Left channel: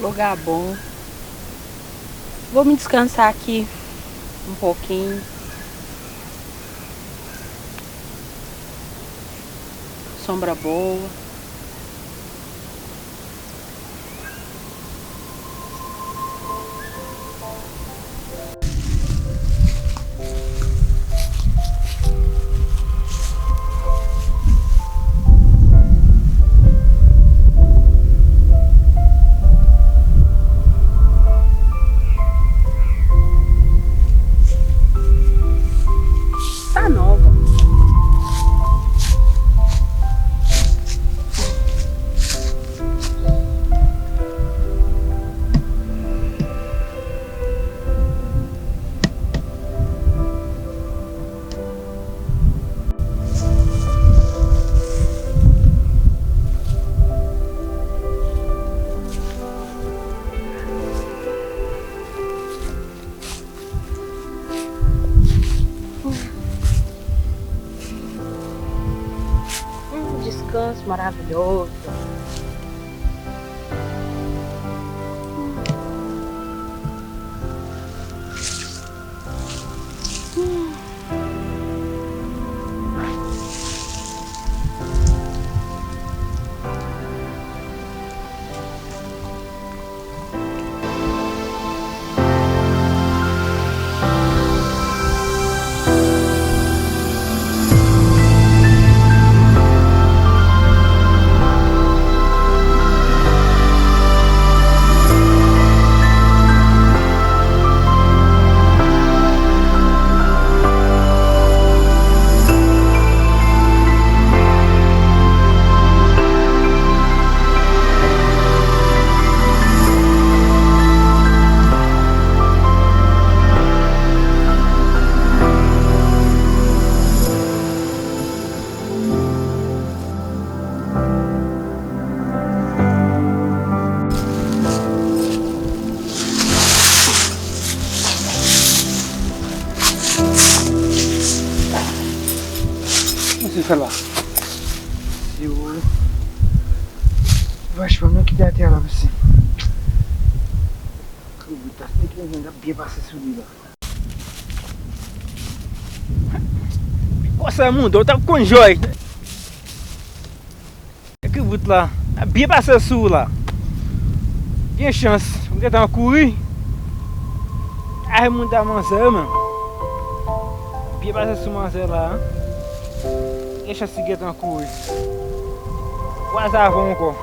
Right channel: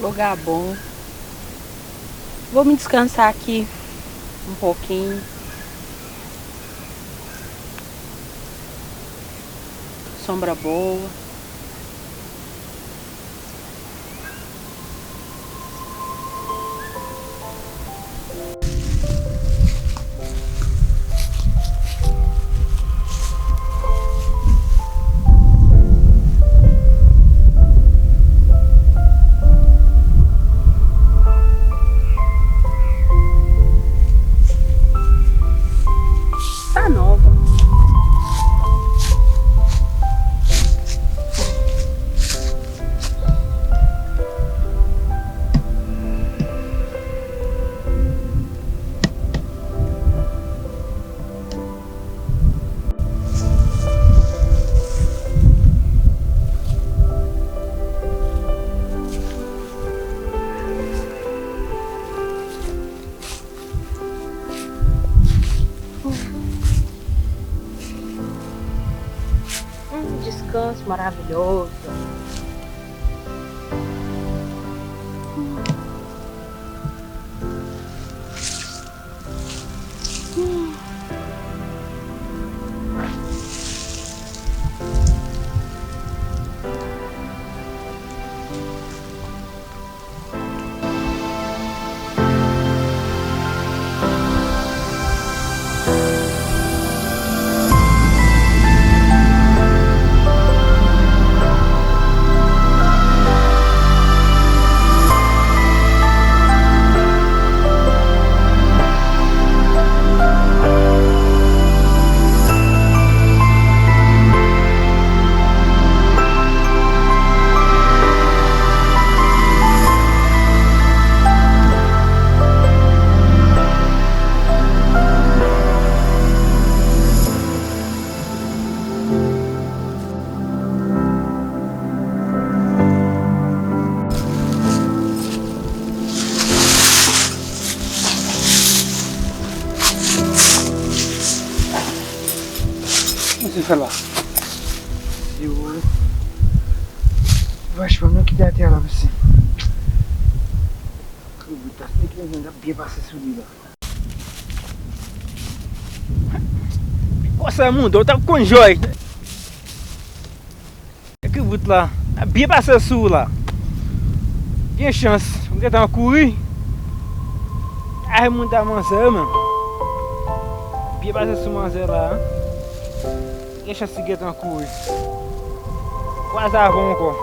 Lugar bom. Vou me descansar aqui um pouquinho. Sombra boa. Tá nova. Descanso maravilhoso. Sei lá. Eu vachement mieux quitter la terre là aussi. Puta, tem que andar bem para se subir lá. Nossa, mundo, eu tava com joia. É que eu lá, bem para se subir lá. Tem chance, porque tá uma curi. Aí mundo da manzana, mano. Bem para se subir lá. Deixa seguir uma coisa. Quase a vonco.